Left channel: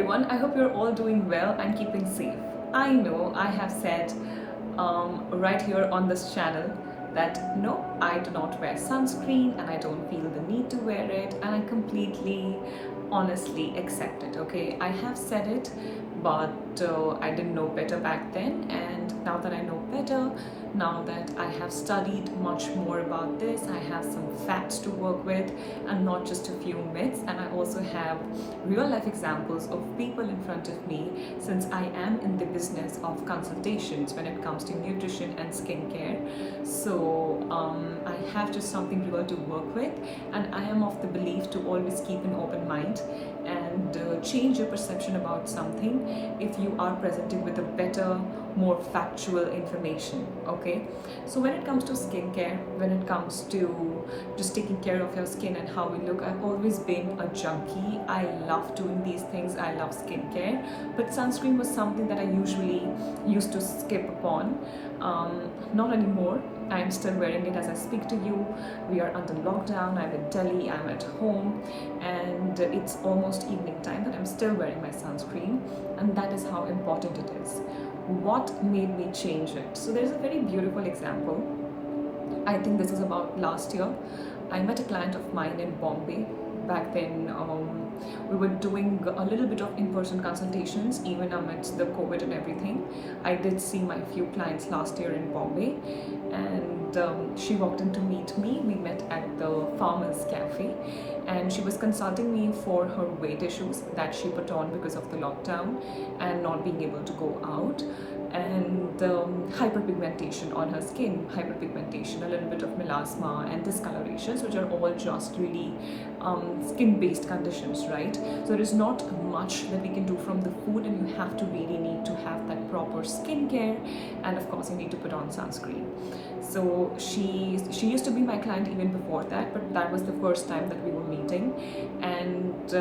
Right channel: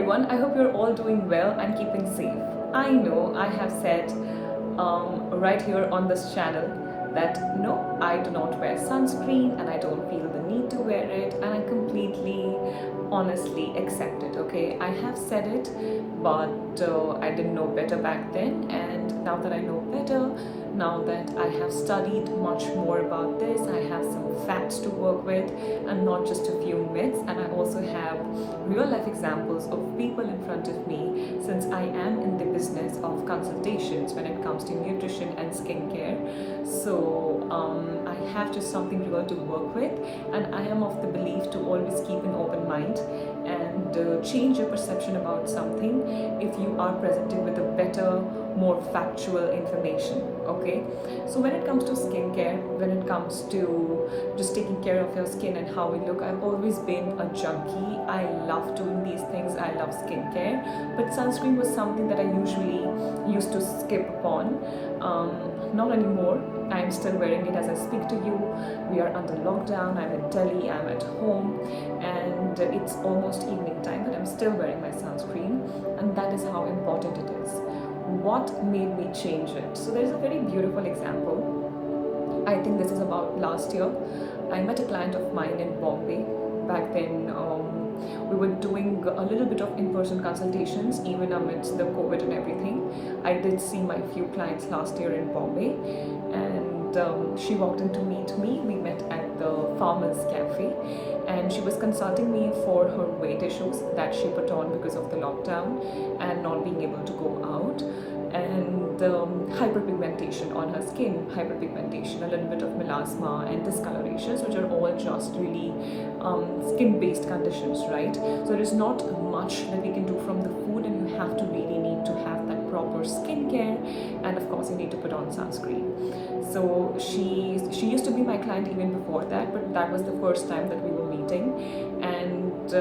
Everyone, I hope you're all doing well and keeping safe. I know I have said right here on this channel that no, I do not wear sunscreen and I don't feel the need to wear it, and I completely honestly accept it. Okay, I have said it, but I didn't know better back then, and now that I know better, now that I have studied much more about this, I have some facts to work with and not just a few myths, and I also have real life examples of people in front of me, since I am in the business of consultations when it comes to nutrition and skincare. So I have just something real to work with, and I am of the belief to always keep an open mind and change your perception about something if you are presented with a better, more factual information. Okay, so when it comes to skincare, when it comes to just taking care of your skin and how we look, I've always been a junkie. I love doing these things, I love skincare, but sunscreen was something that I usually used to skip upon. Not anymore. I am still wearing it as I speak to you. We are under lockdown, I'm in Delhi, I'm at home, and it's almost evening time, but I'm still wearing my sunscreen, and that is how important it is. What made me change it? So there's a very beautiful example. I think this is about last year. I met a client of mine in Bombay. Back then, we were doing a little bit of in-person consultations, even amidst the COVID and everything. I did see my few clients last year in Bombay, and she walked in to meet me. We met at the Farmers Cafe, and she was consulting me for her weight issues that she put on because of the lockdown and not being able to go out, and hyperpigmentation on her skin, hyperpigmentation, a little bit of melasma and discolorations, which are all just really skin-based conditions, right? So there is not much that we can do from the food, and you have to really need to have that proper skincare, and of course you need to put on sunscreen. So she used to be my client even before that, but that was the first time that we were meeting, and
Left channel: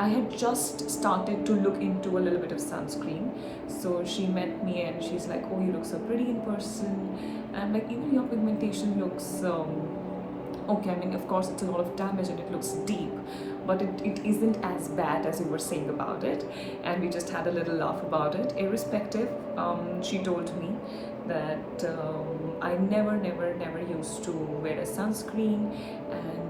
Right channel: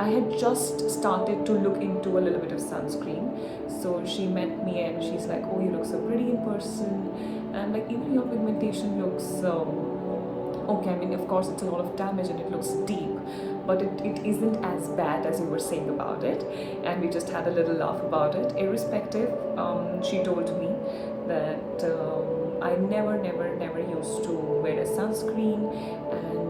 I had just started to look into a little bit of sunscreen. So she met me and she's like, "Oh, you look so pretty in person," and I'm like, "Even your pigmentation looks okay. I mean, of course it's a lot of damage and it looks deep, but it isn't as bad as you were saying about it." And we just had a little laugh about it. Irrespective, she told me that I never used to wear a sunscreen, and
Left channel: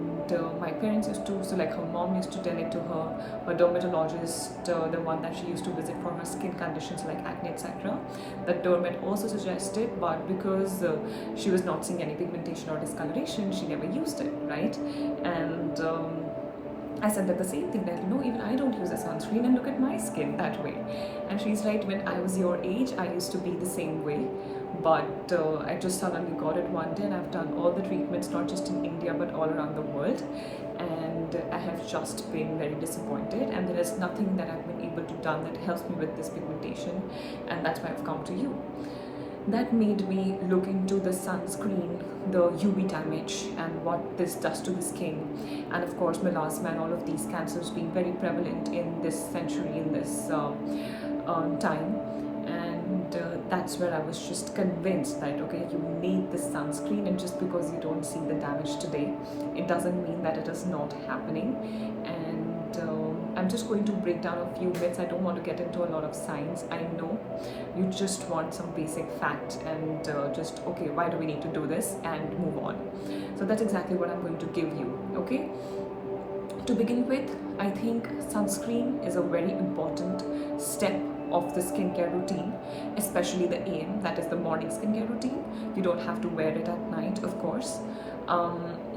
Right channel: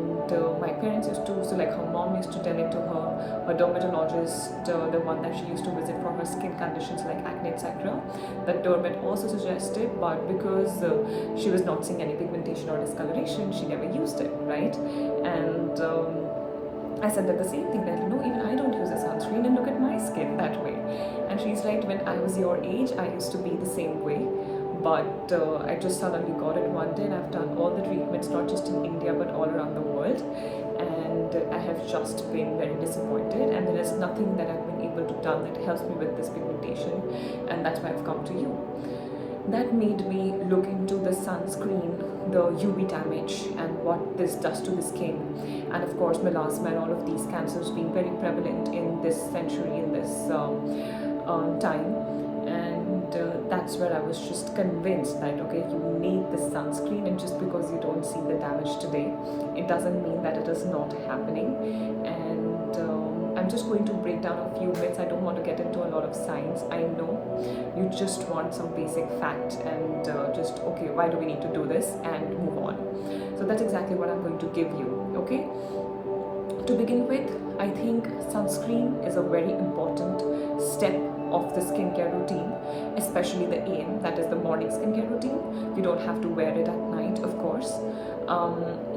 my parents used to, so like her mom used to tell it to her dermatologist, the one that she used to visit for her skin conditions like acne, etc. That dermat also suggested, but because she was not seeing any pigmentation or discoloration, she never used it, right? And I said that the same thing, that even I don't use a sunscreen, and look at my skin that way. And she's right, when I was your age, I used to be the same way, but I just suddenly got it one day, and I've done all the treatments, not just in India but all around the world, and I have just been very disappointed, and there is nothing that I've been able to done that helps me with this pigmentation, and that's why I've come to you. That made me look into the sunscreen, the UV damage, and what this does to the skin, and of course melasma and all of these cancers being very prevalent in this century, in this time. And that's where I was just convinced that okay, you need the sunscreen, and just because you don't see the damage today, it doesn't mean that it is not happening. And I'm just going to break down a few myths. I don't want to get into a lot of science. I know you just want some basic fact, and just okay, why do we need to do this, and move on. So that's exactly what I'm going to give you. Okay, to begin with, I think sunscreen is a very important step of the skincare routine, especially the AM, that is the morning skincare routine. You don't have to wear it at night, of course.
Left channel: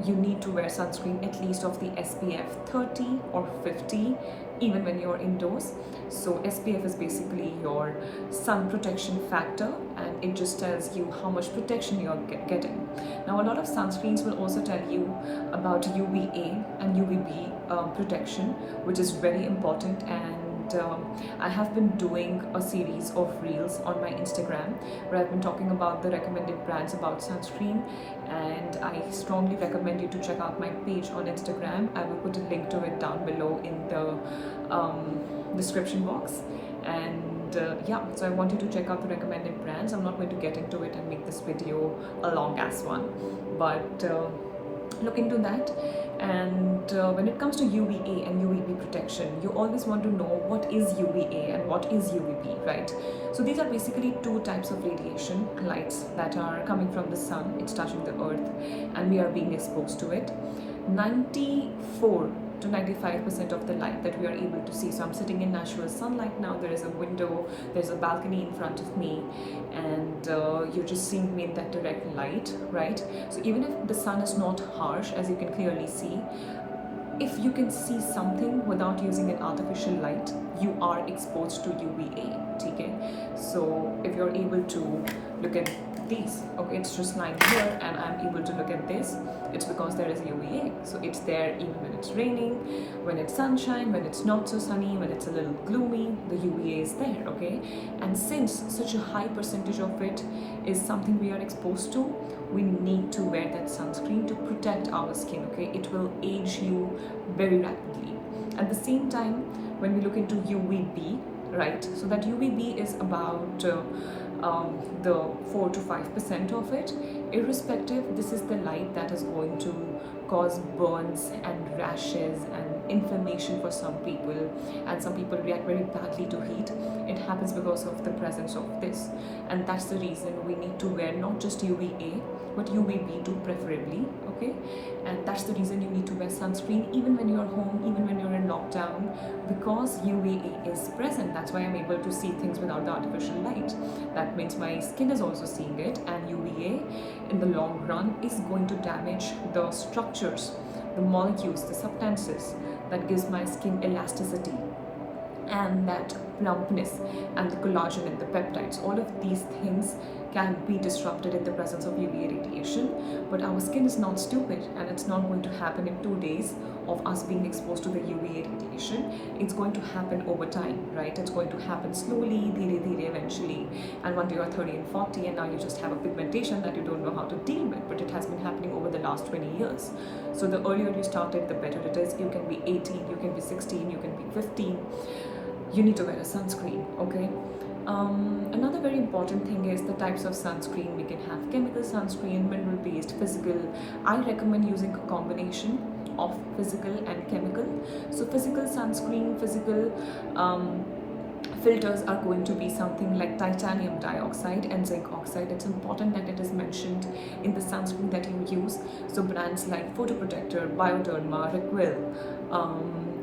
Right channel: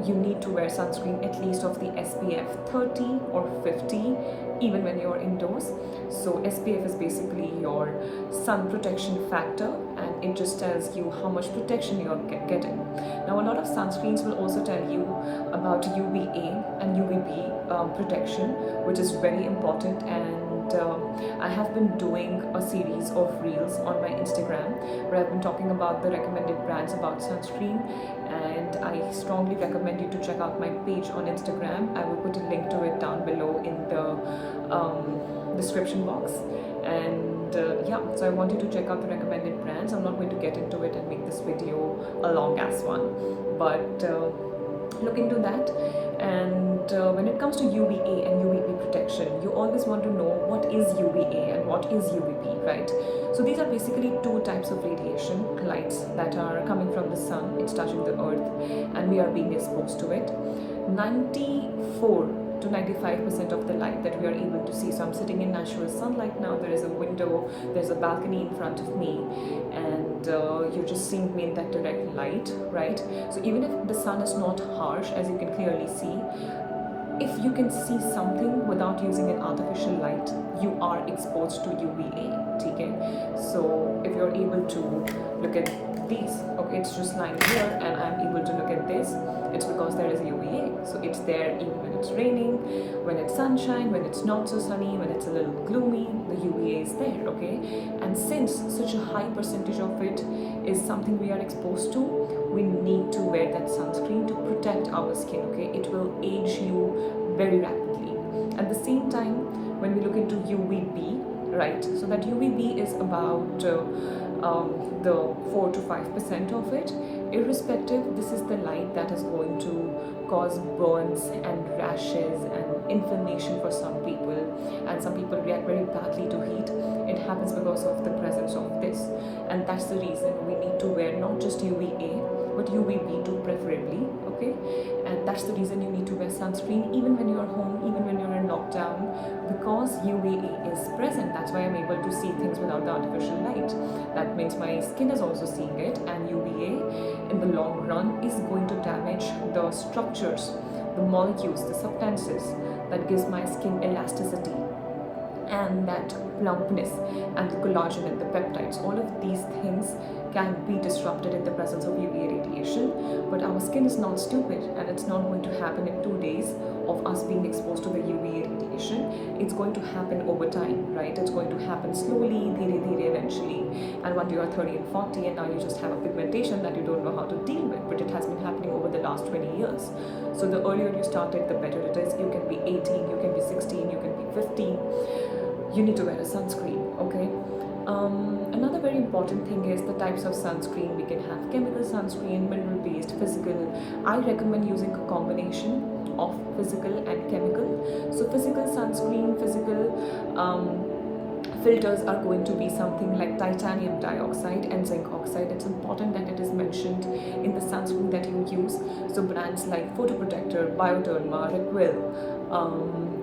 You need to wear sunscreen at least of the SPF 30 or 50, even when you're indoors. So SPF is basically your sun protection factor, and it just tells you how much protection you're getting. Now, a lot of sunscreens will also tell you about UVA and UVB protection, which is very important. And I have been doing a series of reels on my Instagram where I've been talking about the recommended brands about sunscreen, and I strongly recommend you to check out my page on Instagram. I will put a link to it down below in the description box. And yeah, so I want you to check out the recommended brands. I'm not going to get into it and make this video a long ass one, but look into that. And when it comes to UVA and UVB protection, you always want to know what is UVA and what is UVB, right? So these are basically two types of radiation lights that are coming from the sun. It's touching the earth and we are being exposed to it. 94 to 95% of the light that we are able to see. So I'm sitting in natural sunlight now. There is a window, there's a balcony in front of me, and you're just seeing me in that direct light, right? So even if the sun is not harsh, as you can clearly see, if you can see something without using an artificial light, you are exposed to UVA, okay? So if you're able to look at these, okay, it's just lying here and I'm able to look at this, it's because there is UVA. So it's there even when it's raining, when it's sunshine, when it's not so sunny, when it's a little gloomy, the UVA is there, okay? And since such a high percentage of it is something we are exposed to, we need to wear that sunscreen to protect our skin, okay? It will age you very rapidly. At the same time, when we look into UVB, right, so that UVB is about the 4 to 5% of it. Irrespective, this is the light that is going to cause burns and rashes and inflammation for some people, and some people react very badly to heat. It happens because of the presence of this, and that's the reason we need to wear not just UVA but UVB too, preferably, okay? And that's the reason you need to wear sunscreen even when you're home, even when you're in lockdown, because UVA is present. That's why I'm able to see things without the artificial light. That means my skin is also seeing it, and UVA in the long run is going to damage the structures, the molecules, the substances that gives my skin elasticity and that plumpness and the collagen and the peptides. All of these things can be disrupted in the presence of UVA radiation, but our skin is not stupid, and it's not going to happen in 2 days of us being exposed to the UVA radiation. It's going to happen over time, right? It's going to happen slowly, dhire dhire, eventually, and one day you're 30 and 40 and now you just have a pigmentation that you don't know how to deal with, but it has been happening over the last 20 years. So the earlier you started, the better it is. You can be 18, you can be 16, you can be 15. You need to wear a sunscreen, okay? Another very important thing is the types of sunscreen. We can have chemical sunscreen, mineral based, physical. I recommend using a combination of physical and chemical. So physical sunscreen, physical filters are going to be something like titanium dioxide and zinc oxide. It's important that it is mentioned in the sunscreen that you use. So brands like Photoprotector, Bioderma, Requil,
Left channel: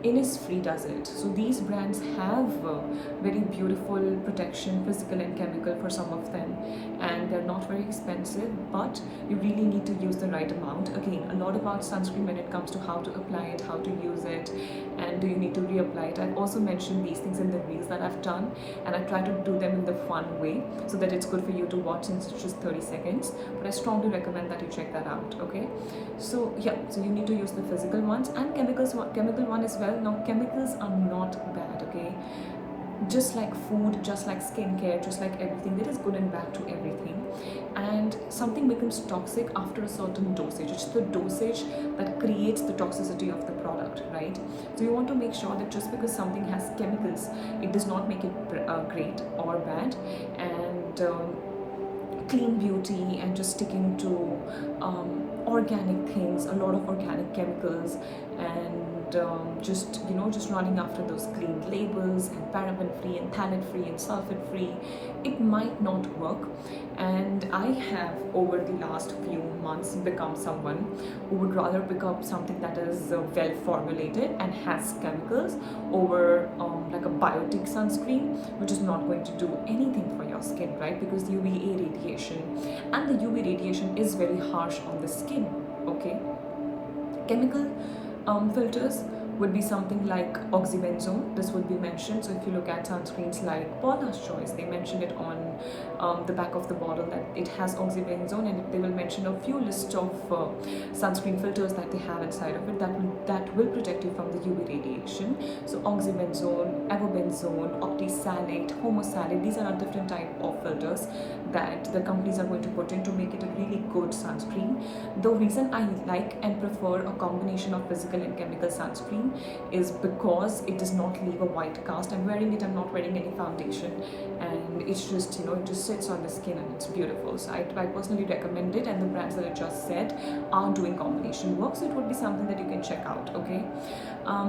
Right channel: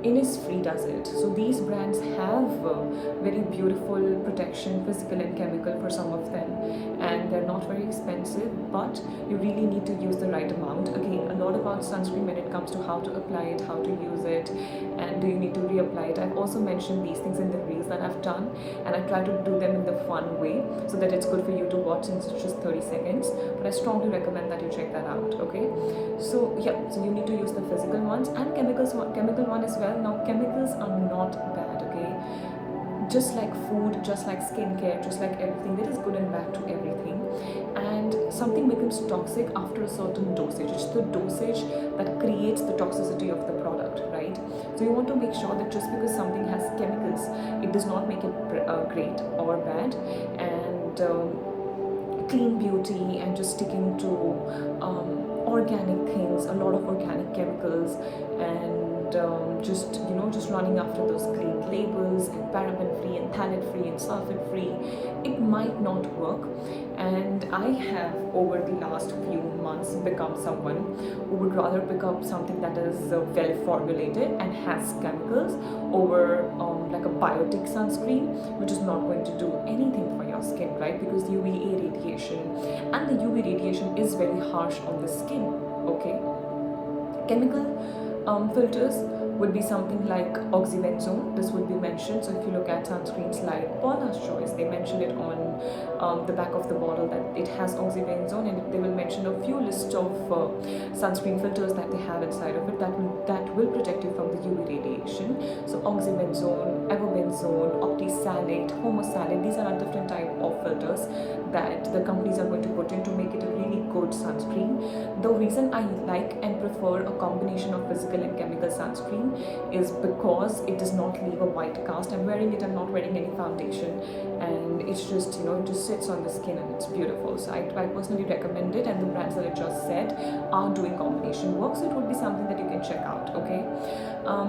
Innisfree does it. So these brands have very beautiful protection, physical and chemical, for some of them, and they're not very expensive, but you really need to use the right amount. Again, a lot about sunscreen when it comes to how to apply it, how to use it, and do you need to reapply it. I've also mentioned these things in the reels that I've done, and I try to do them in the fun way so that it's good for you to watch since it's just 30 seconds, but I strongly recommend that you check that out, okay? So yeah, so you need to use the physical ones and chemical one as well. Now chemicals are not bad, okay? Just like food, just like skincare, just like everything, there is good and bad to everything, and something becomes toxic after a certain dosage. It's the dosage that creates the toxicity of the product, right? So you want to make sure that just because something has chemicals, it does not make it great or bad. And clean beauty and just sticking to organic things, a lot of organic chemicals, and just just running after those clean labels and paraben free and phthalate free and sulfate free, it might not work. And I have over the last few months become someone who would rather pick up something that is well formulated and has chemicals over like a biotic sunscreen, which is not going to do anything for your skin, right? Because UVA radiation, and the UV radiation is very harsh on the skin, okay? Chemical filters would be something like oxybenzone. This would be mentioned. So if you look at sunscreens like Paula's Choice, they mentioned it on the back of the bottle that it has oxybenzone, and they will mention a few lists of sunscreen filters that they have inside of it that will protect you from the UV radiation. So oxybenzone, avobenzone, octisalate, homosalate, these are different type of filters that the companies are going to put in to make it a really good sunscreen. The reason I like and prefer a combination of physical and chemical sunscreen is because it does not leave a white cast. I'm wearing it, I'm not wearing any foundation, and it's just, you know, it just sits on the skin and it's beautiful. So I personally recommend it, and the brands that I just said are doing combination work, so it would be something that you can check out. Okay,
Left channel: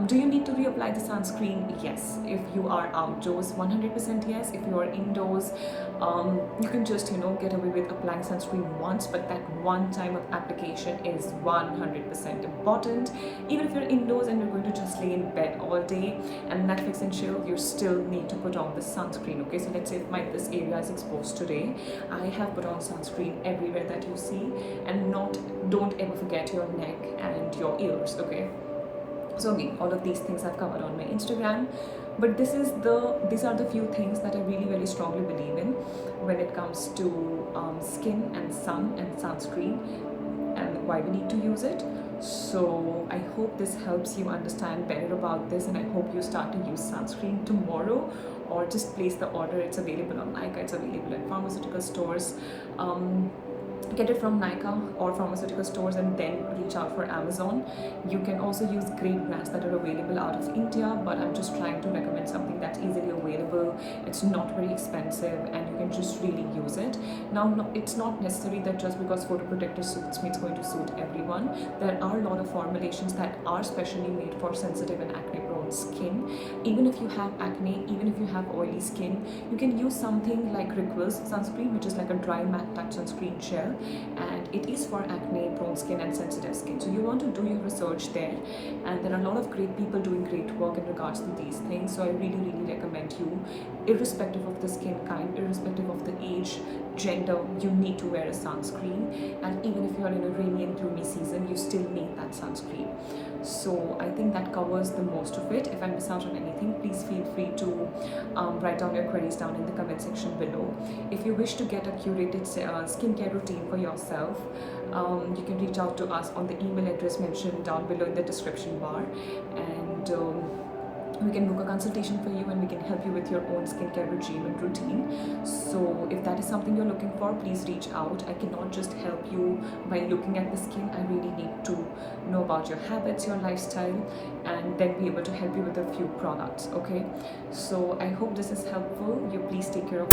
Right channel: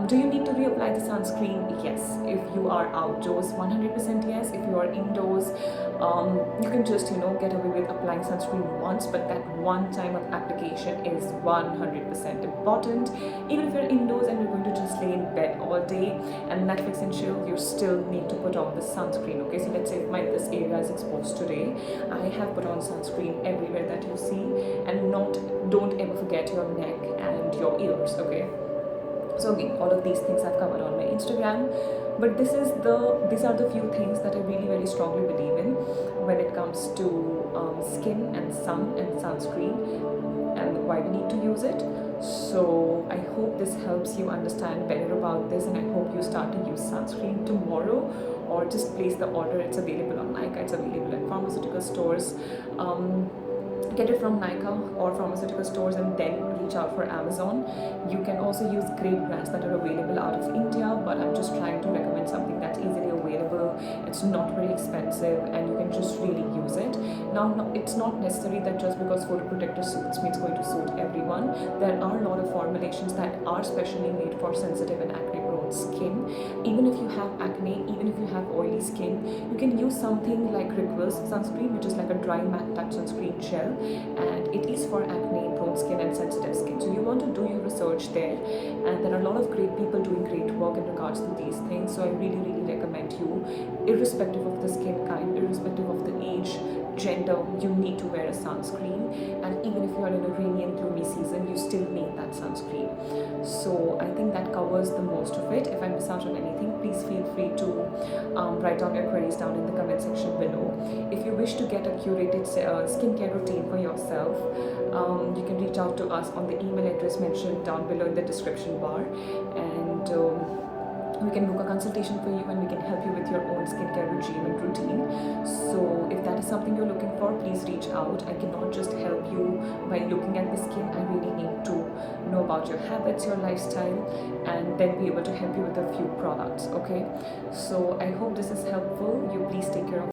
do you need to reapply the sunscreen? Yes. If you are outdoors, 100% yes. If you are indoors, you can just, you know, get away with applying sunscreen once, but that one time of application is 100% important. Even if you're indoors and you're going to just lay in bed all day and Netflix and chill, you still need to put on the sunscreen. Okay, so let's say if this area is exposed today, I have put on sunscreen everywhere that you see, and don't ever forget your neck and your ears. Okay, so again, all of these things I've covered on my Instagram, but these are the few things that I really very strongly believe in when it comes to skin and sun and sunscreen, and why we need to use it. So I hope this helps you understand better about this, and I hope you start to use sunscreen tomorrow, or just place the order. It's available on Nykaa, it's available at pharmaceutical stores. Get it from Nykaa or pharmaceutical stores, and then reach out for Amazon. You can also use great brands that are available out of India, but I'm just trying to recommend something that's easily available. It's not very expensive, and you can just really use it. Now, it's not necessary that just because photoprotector suits me, it's going to suit everyone. There are a lot of formulations that are specially made for sensitive and acne prone skin. Even if you have acne, even if you have oily skin, you can use something like Rituals sunscreen, which is like a dry matte touch sunscreen gel, and it is for acne prone skin and sensitive skin. So you want to do your research there, and there are a lot of great people doing great work in regards to these things. So I really recommend you, irrespective of the skin kind, irrespective of the age, gender, you need to wear a sunscreen. And even if you're in a rainy and gloomy season, you still need that sunscreen. So I think that covers the most of it. If I miss out on anything, please feel free to write down your queries down in the comment section below. If you wish to get a curated skincare routine for yourself, you can reach out to us on the email address mentioned down below in the description bar, and we can book a consultation for you, and we can help you with your own skincare regime and routine. So if that is something you're looking for, please reach out. I cannot just help you by looking at the skin. I really need to know about your habits, your lifestyle, and then be able to help you with a few products. Okay, so I hope this is helpful. You please take care of